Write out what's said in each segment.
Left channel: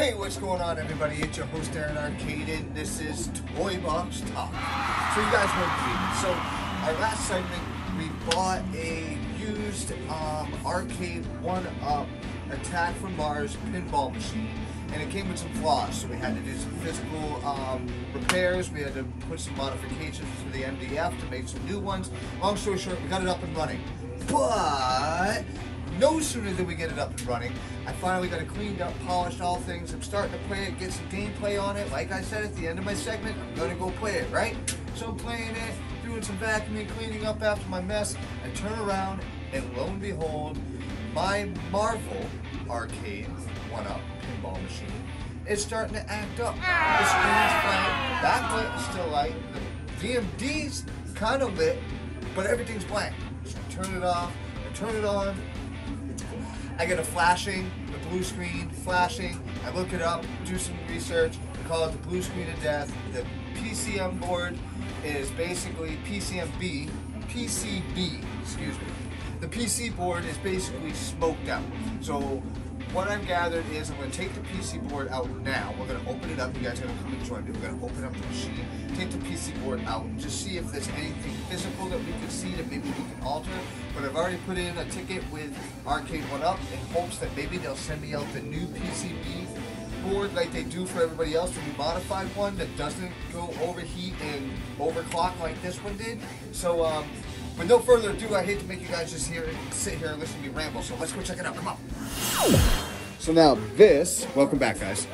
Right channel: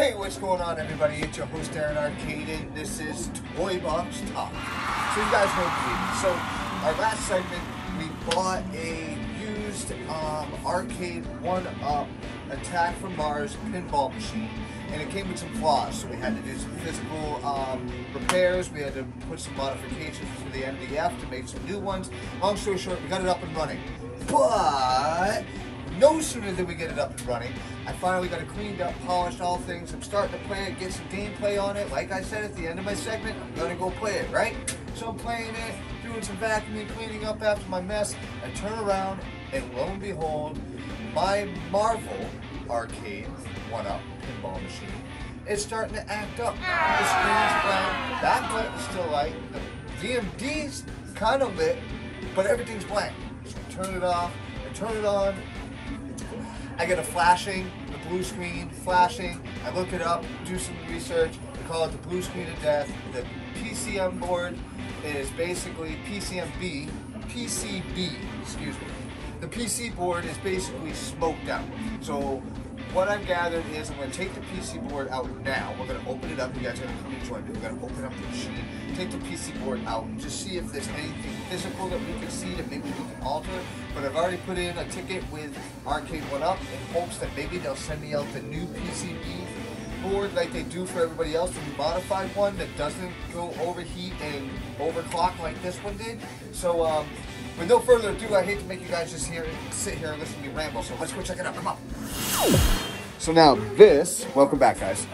Hey, what's going on, everybody? It's your host, Aaron Arcade, and this is Toy Box Talk. So you guys know me. So our last segment, we bought a used arcade 1-up Attack from Mars pinball machine, and it came with some flaws. So we had to do some physical repairs. We had to put some modifications to the MDF to make some new ones. Long story short, we got it up and running. But no sooner than we get it up and running, I finally got it cleaned up, polished, all things. I'm starting to play it, get some gameplay on it. Like I said at the end of my segment, I'm gonna go play it, right? So I'm playing it, doing some vacuuming, cleaning up after my mess. I turn around, and lo and behold, my Marvel arcade 1-up pinball machine is starting to act up. The screen's blank, backlight still light, the VMD's kind of lit, but everything's blank. So I turn it off, I turn it on. I get a flashing, the blue screen, flashing. I look it up, do some research. They call it the blue screen of death. The PCM board is basically PCB, excuse me. The PC board is basically smoked out. So what I've gathered is I'm going to take the PC board out now. We're going to open it up. You guys are going to come and join me. We're going to open up the machine, take the PC board out, and just see if there's anything physical that we can see that maybe we can alter. But I've already put in a ticket with Arcade 1-up in hopes that maybe they'll send me out the new PCB board like they do for everybody else, the new modified one that doesn't go overheat and overclock like this one did. So with no further ado, I hate to make you guys just sit here and listen to me ramble, so let's go check it out. Come on. So now this, welcome back, guys.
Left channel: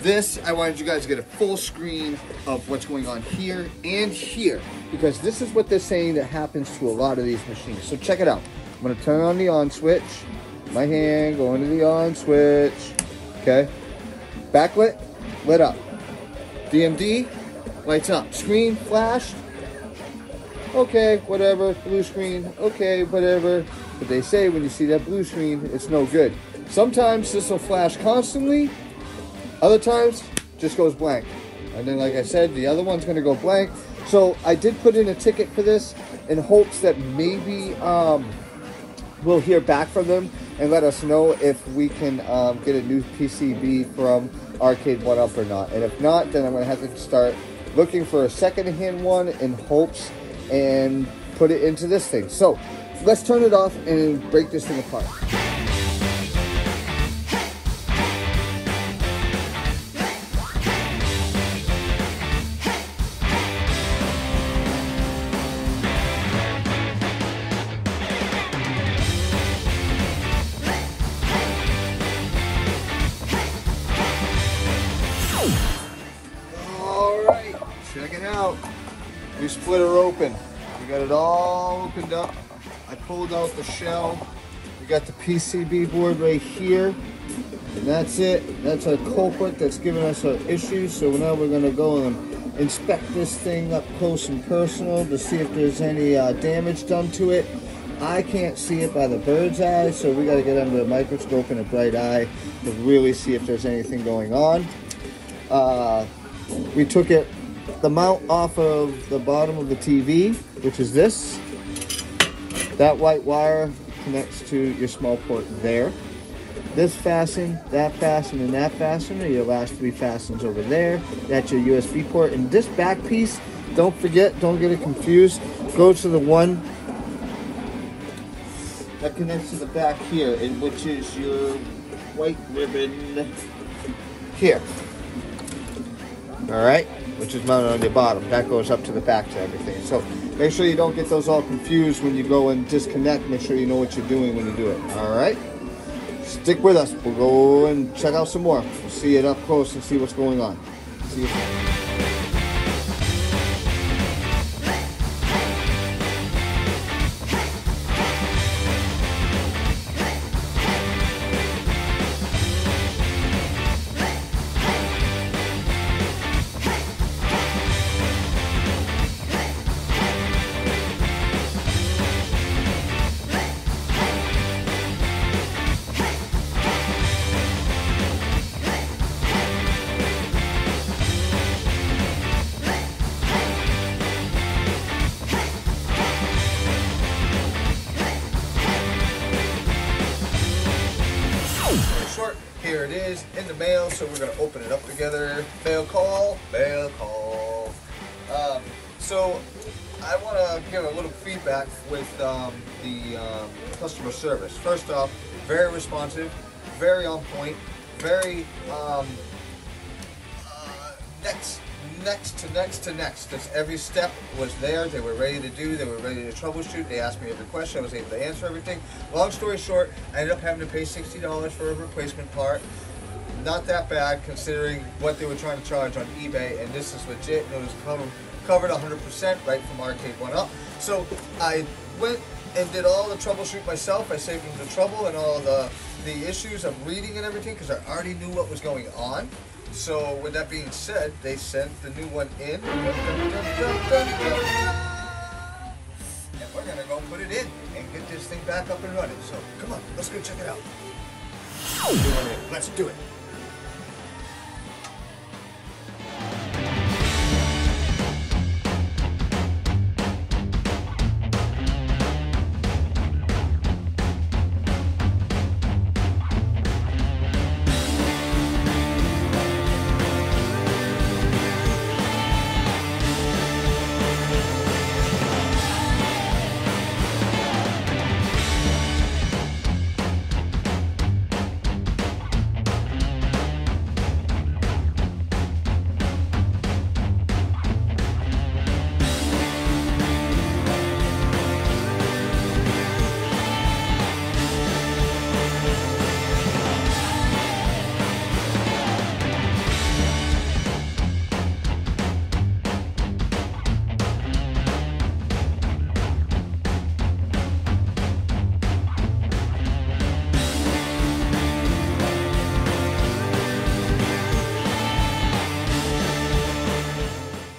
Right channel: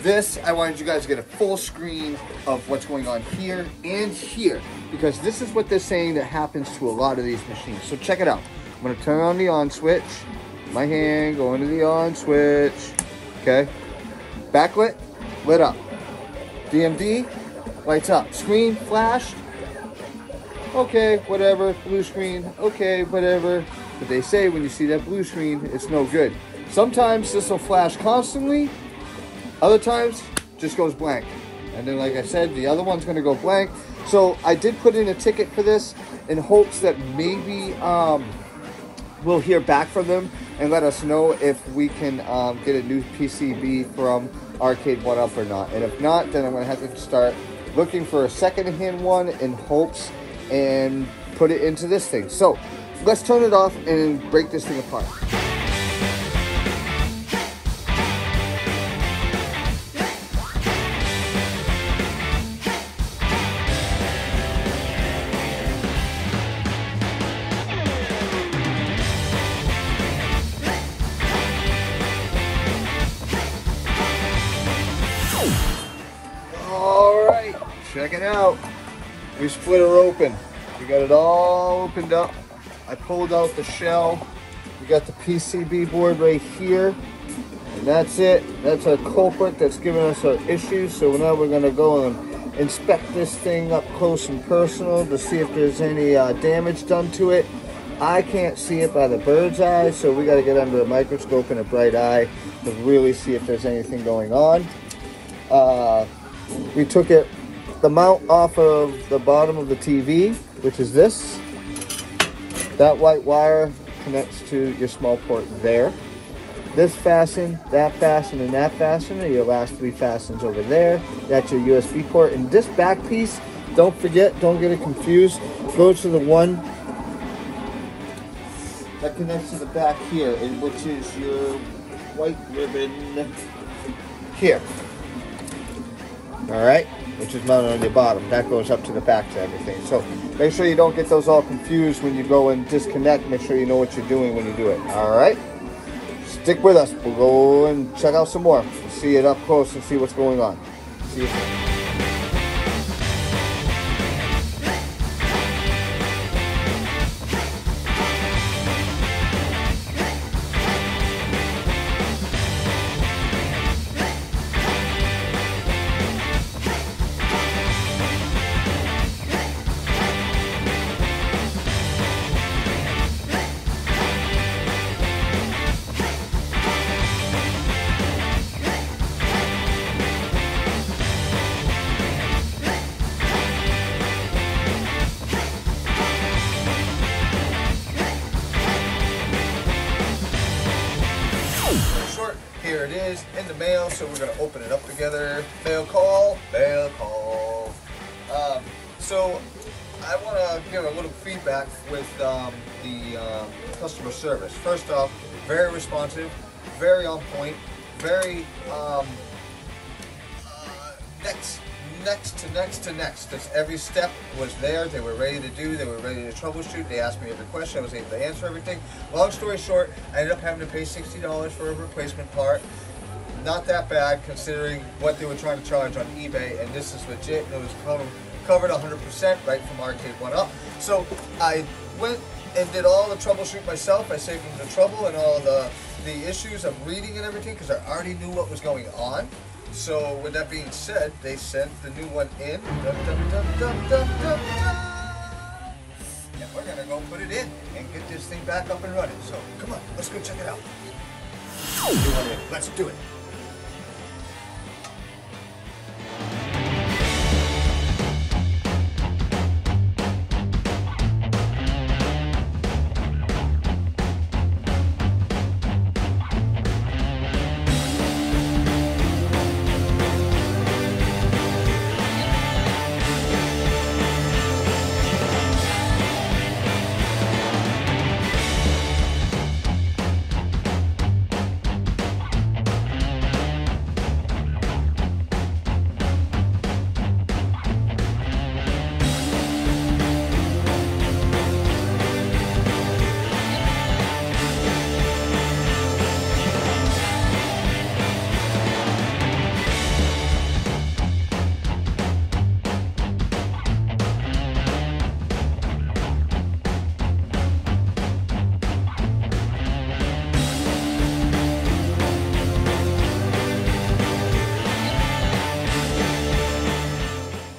This, I wanted you guys to get a full screen of what's going on here and here, because this is what they're saying that happens to a lot of these machines. So check it out. I'm gonna turn on the on switch. My hand, go into the on switch. Okay. Backlit, lit up. DMD, lights up. Screen, flashed. Okay, whatever. Blue screen, okay, whatever. But they say when you see that blue screen, it's no good. Sometimes this will flash constantly. Other times, just goes blank. And then, like I said, the other one's gonna go blank. So I did put in a ticket for this in hopes that maybe we'll hear back from them and let us know if we can get a new PCB from Arcade 1-up or not. And if not, then I'm gonna have to start looking for a second-hand one in hopes and put it into this thing. So let's turn it off and break this thing apart. All right, check it out. We split her open. We got it all opened up. I pulled out the shell. We got the PCB board right here. And that's it. That's our culprit that's giving us our issues. So now we're gonna go and inspect this thing up close and personal to see if there's any damage done to it. I can't see it by the bird's eye, so we gotta get under a microscope and a bright eye to really see if there's anything going on. We took the mount off of the bottom of the TV, which is this. That white wire connects to your small port there. This fasten, that fasten, and that fasten are your last three fastens over there. That's your USB port. And this back piece, don't forget, don't get it confused, goes to the one that connects to the back here, and which is your white ribbon here. All right, which is mounted on the bottom. That goes up to the back to everything. So make sure you don't get those all confused when you go and disconnect. Make sure you know what you're doing when you do it. All right, stick with us. We'll go and check out some more. We'll see it up close and see what's going on. See you soon. here it is in the mail, so we're gonna open it up together. Mail call, mail call. So I want to give a little feedback with the customer service. First off, very responsive, very on point, very next to next. Just every step was there. They were ready to do. They were ready to troubleshoot. They asked me every question. I was able to answer everything. Long story short, I ended up having to pay $60 for a replacement part. Not that bad considering what they were trying to charge on eBay, and this is legit. It was covered 100% right from Arcade 1 up. So I went and did all the troubleshoot myself. I saved them the trouble and all the issues of reading and everything because I already knew what was going on. So with that being said, they sent the new one in. And we're gonna go put it in and get this thing back up and running. So come on, let's go check it out. New one in, let's do it.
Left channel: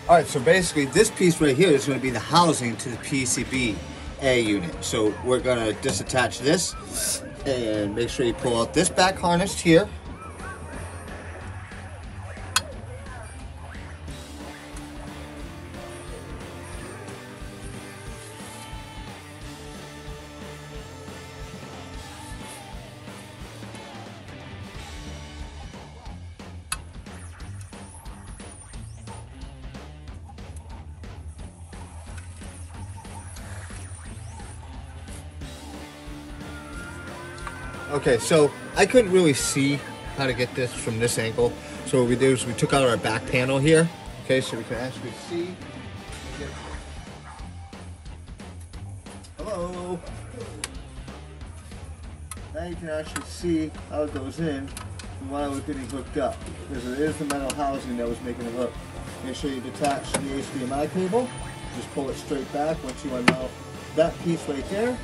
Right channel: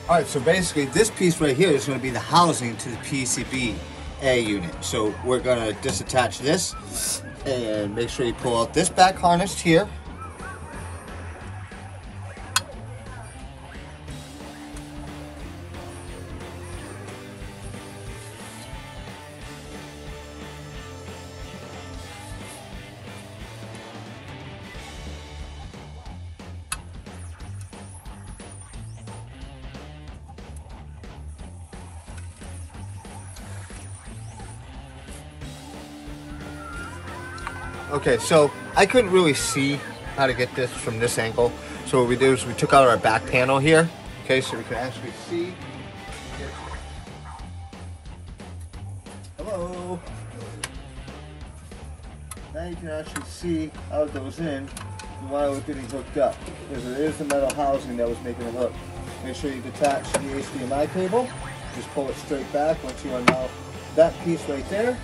All right, so basically this piece right here is going to be the housing to the PCB A unit. So we're going to disattach this and make sure you pull out this back harness here. Okay, so I couldn't really see how to get this from this angle. So what we did is we took out our back panel here. Okay, so we can actually see. Hello. Now you can actually see how it goes in and while it was getting hooked up. Because it is the metal housing that was making it hook. Make sure you detach the HDMI cable. Just pull it straight back once you unmount that piece right there.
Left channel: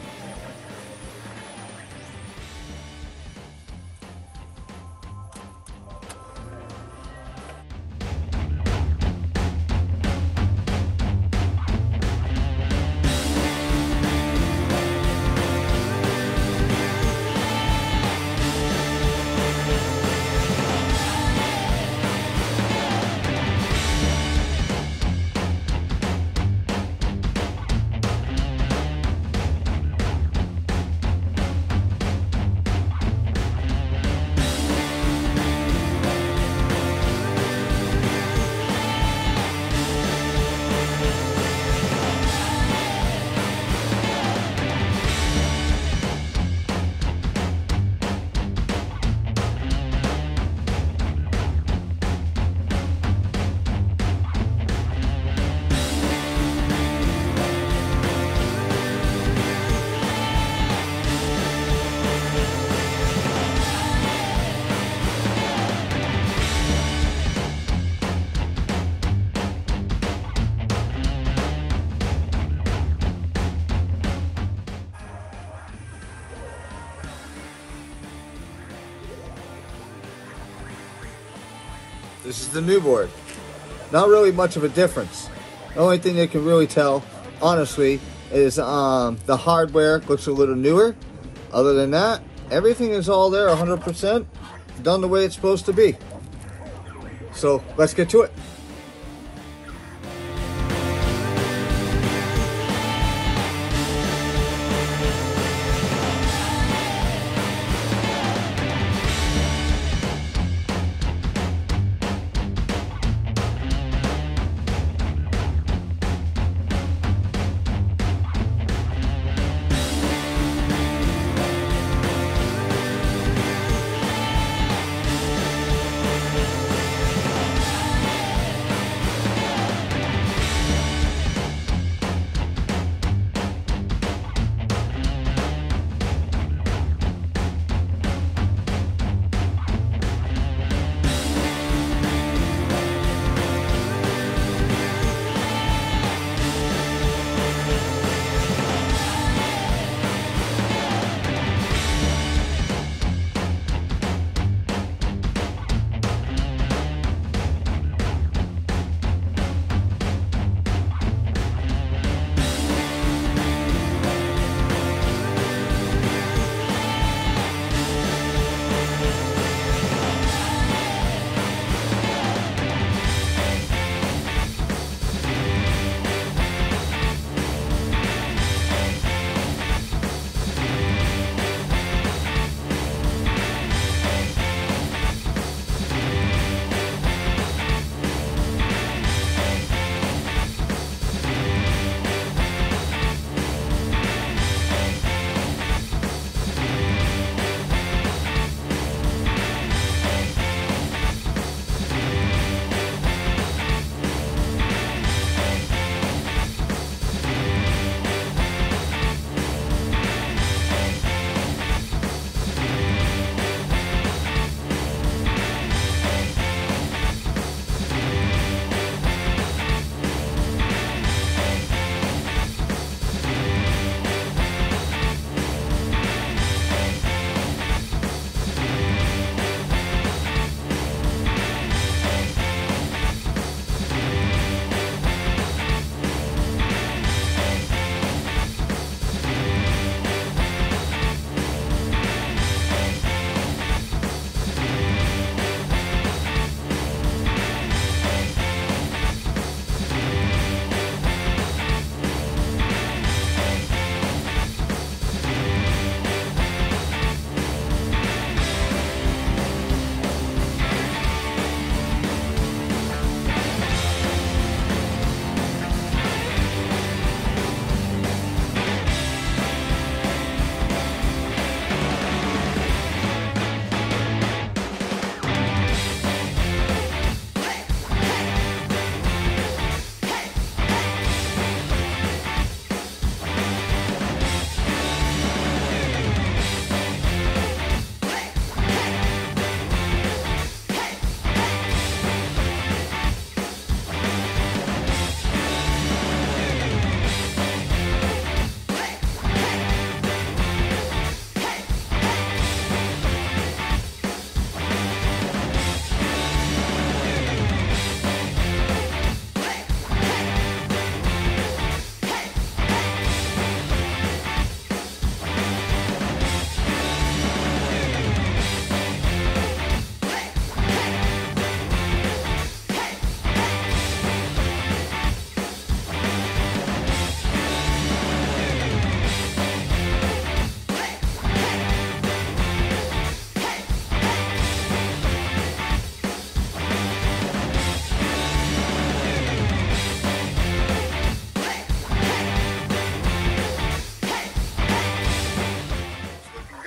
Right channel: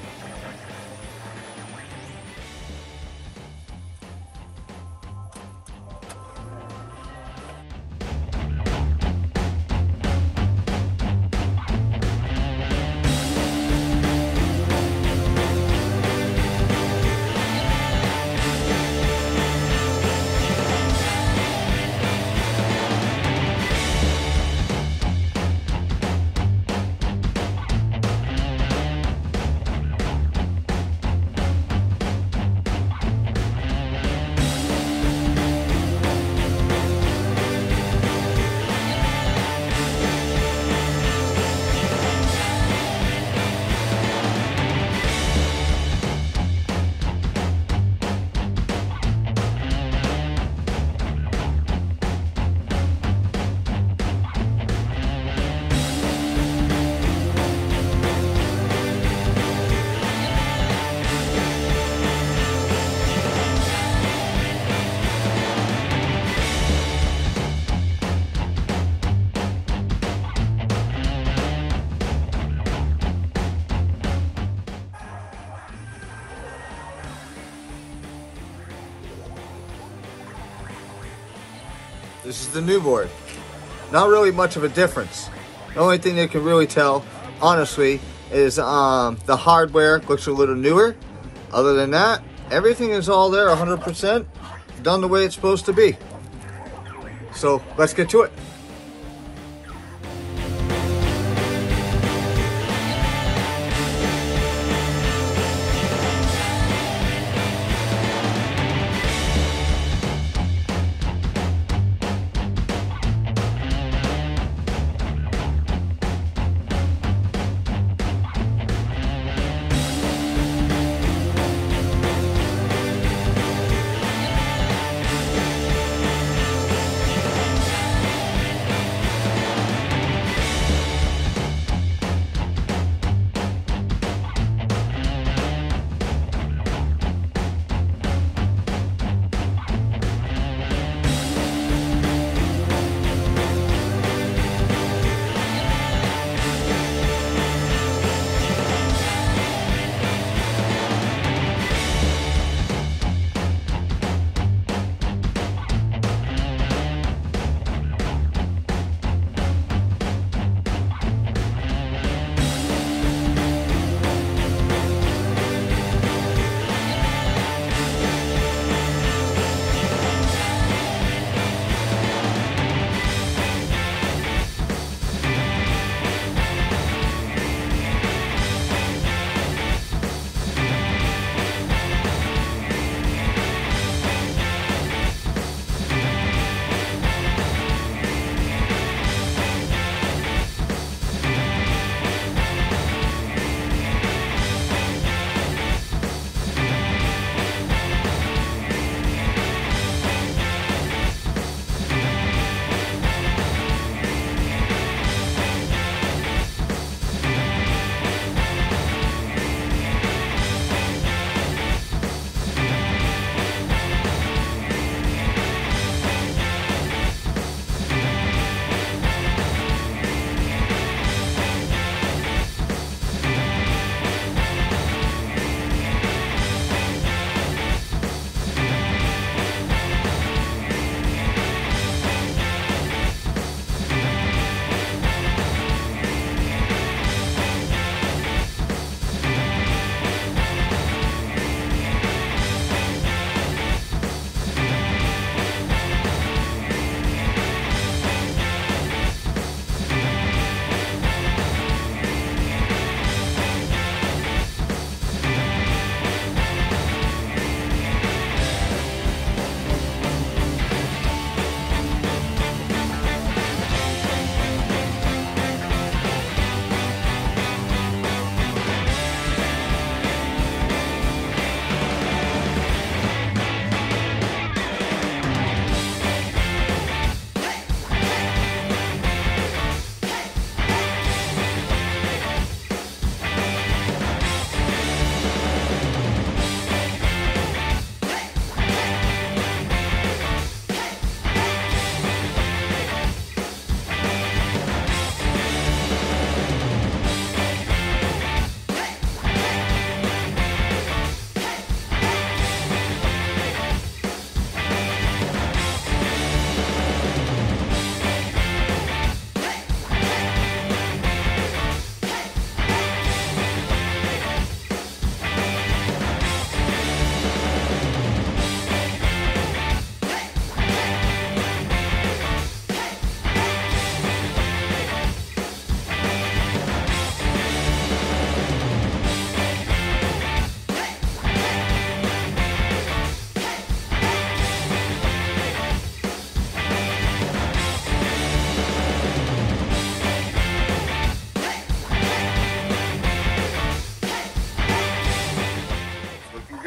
This is the new board. Not really much of a difference. The only thing you can really tell, honestly, is the hardware looks a little newer. Other than that, everything is all there 100%, done the way it's supposed to be. So let's get to it.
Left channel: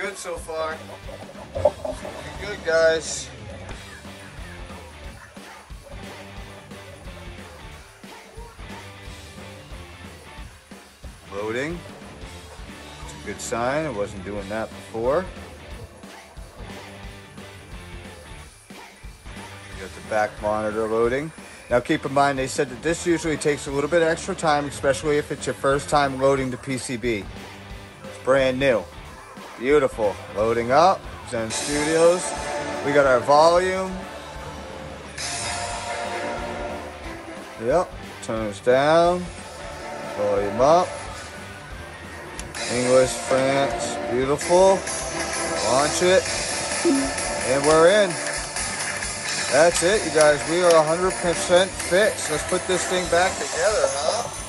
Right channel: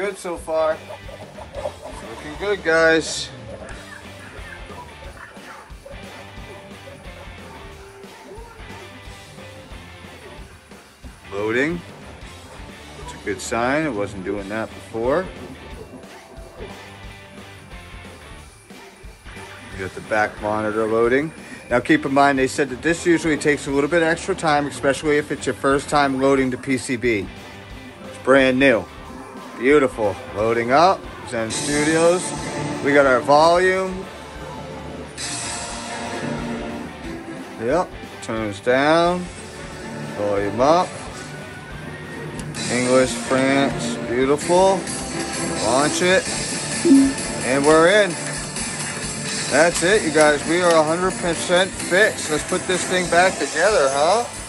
good so far. Looking good, guys. Loading. It's a good sign. It wasn't doing that before. Got the back monitor loading. Now keep in mind, they said that this usually takes a little bit extra time, especially if it's your first time loading the PCB. It's brand new. Beautiful. Loading up. Zen Studios. We got our volume. Yep. Tunes down. Volume up. English, France. Beautiful. Launch it. And we're in. That's it, you guys. We are 100% fixed. Let's put this thing back together, huh?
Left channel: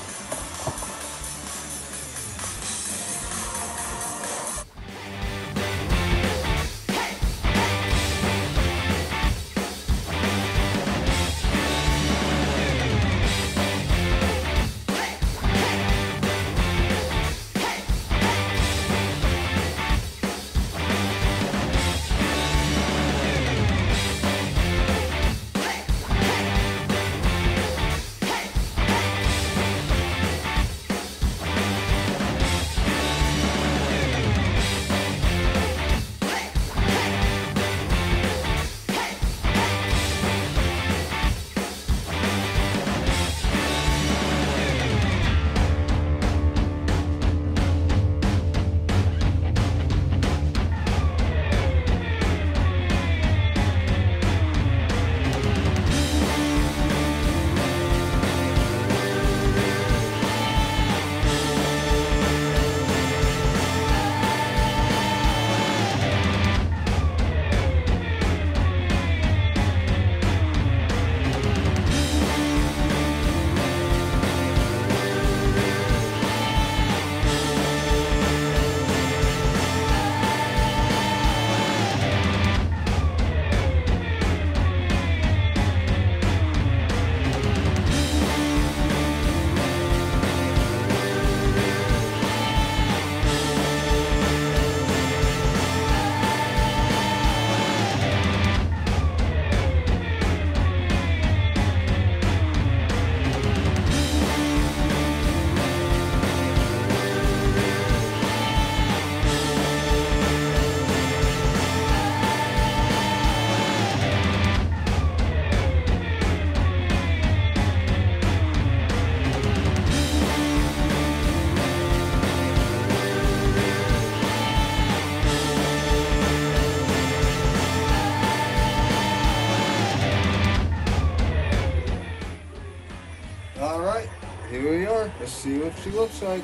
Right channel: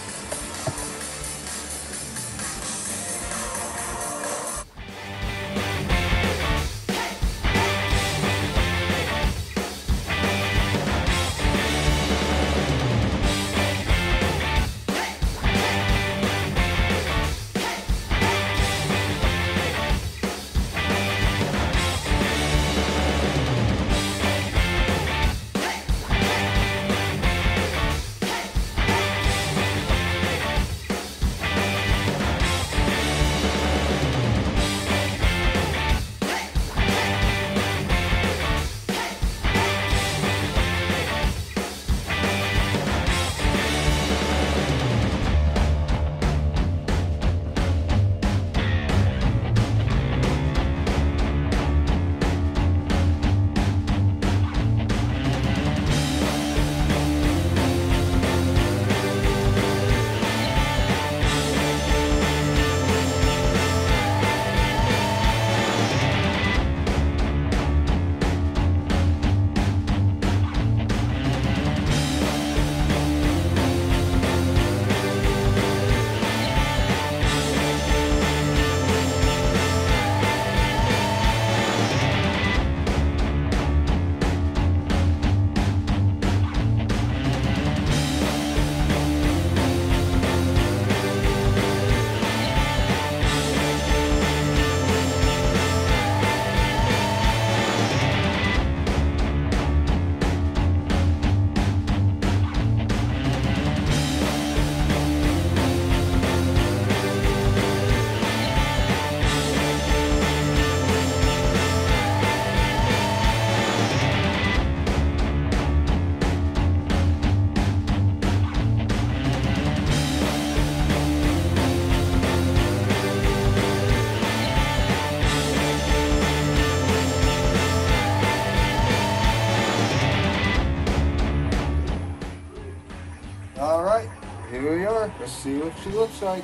Alright, here we are. Let's see what she looks like.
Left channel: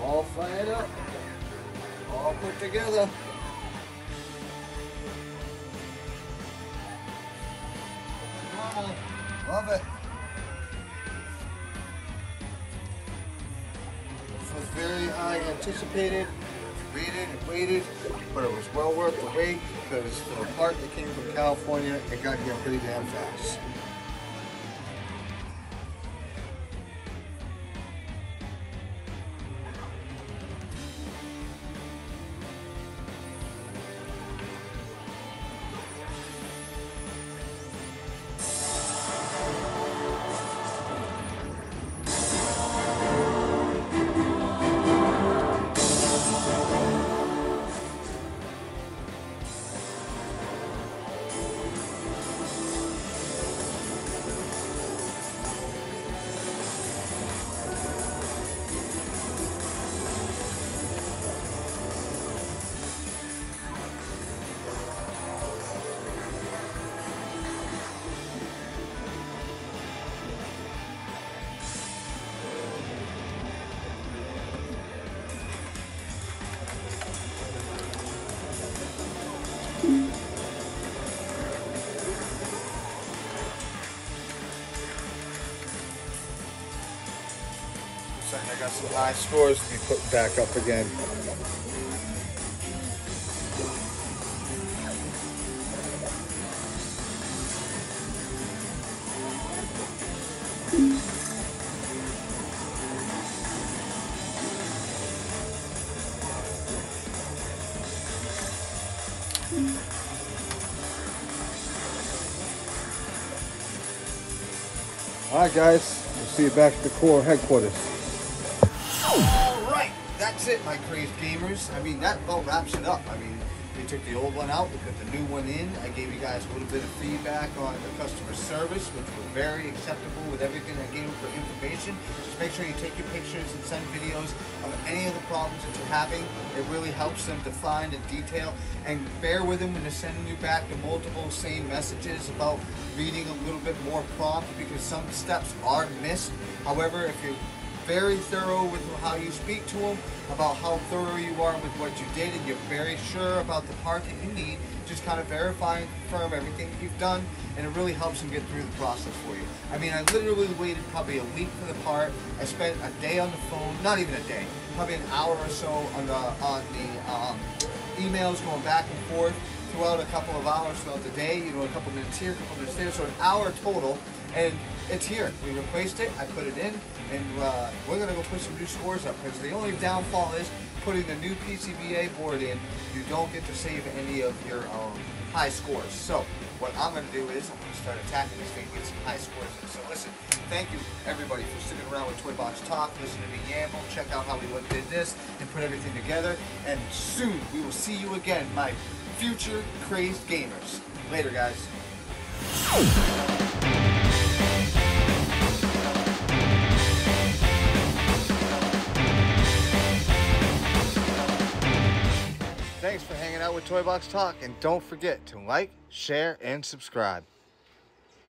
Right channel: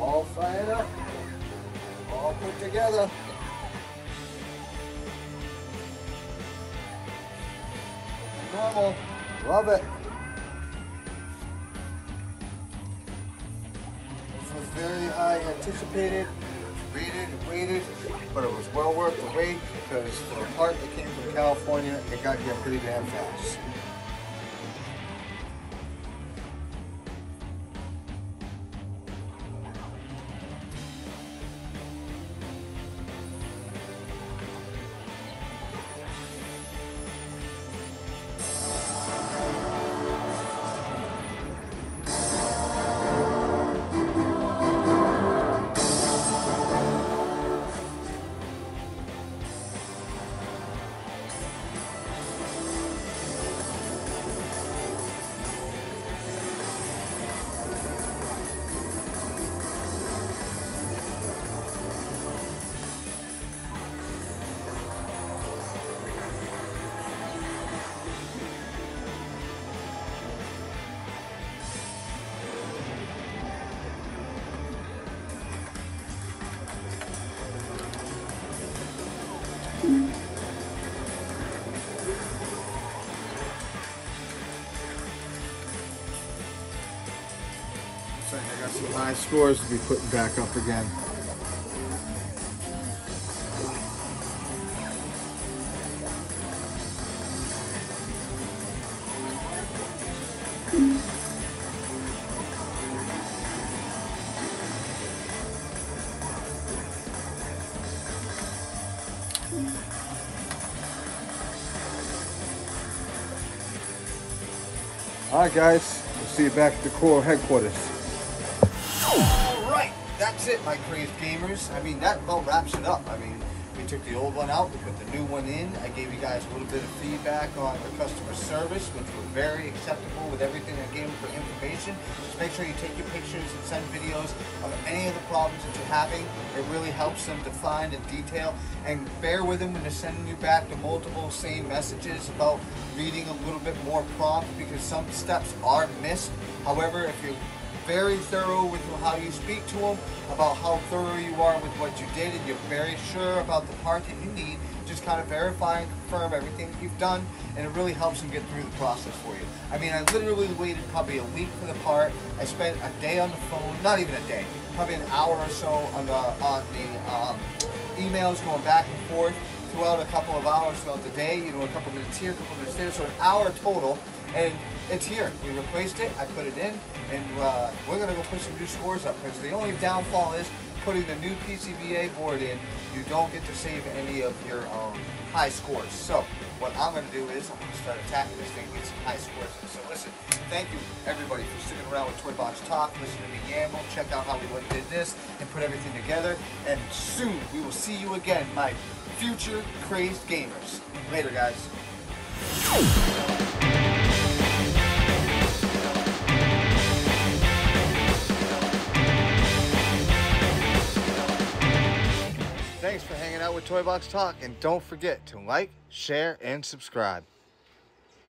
All fired up. All put together. Normal. Love it. This was very high anticipated. Waited, but it was well worth the wait because for the part that came from California, it got here pretty damn fast. I got some high scores to be putting back up again. Alright guys, we'll see you back at the core headquarters. Alright, that's it, my crazed gamers. I mean, that about wraps it up. I mean, we took the old one out, we put the new one in. I gave you guys a little bit of feedback on the customer service, which were very acceptable with everything I gave them for information. Just make sure you take your pictures and send videos of any of the problems that you're having. It really helps them define and detail. And bear with them when they're sending you back the multiple same messages about reading a little bit more prompt, because some steps are missed. However, if you're very thorough with how you speak to them, about how thorough you are with what you did, and you're very sure about the part that you need, just kind of verify and confirm everything that you've done, and it really helps them get through the process for you. I mean, I literally waited probably a week for the part. I spent a day on the phone, not even a day, probably an hour or so on the emails going back and forth throughout a couple of hours throughout the day, you know, a couple minutes here, a couple minutes there, so an hour total, and it's here. We replaced it, I put it in, and we're gonna go put some new scores up, because the only downfall is putting the new PCBA board in, you don't get to save any of your high scores. So what I'm gonna do is I'm gonna start attacking this thing and get some high scores in. So listen, thank you everybody for sticking around with Toy Box Talk, listening to me yamble, check out how we did this and put everything together, and soon we will see you again, my future crazed gamers. Later, guys. Thanks for hanging out with Toy Box Talk, and don't forget to like, share, and subscribe.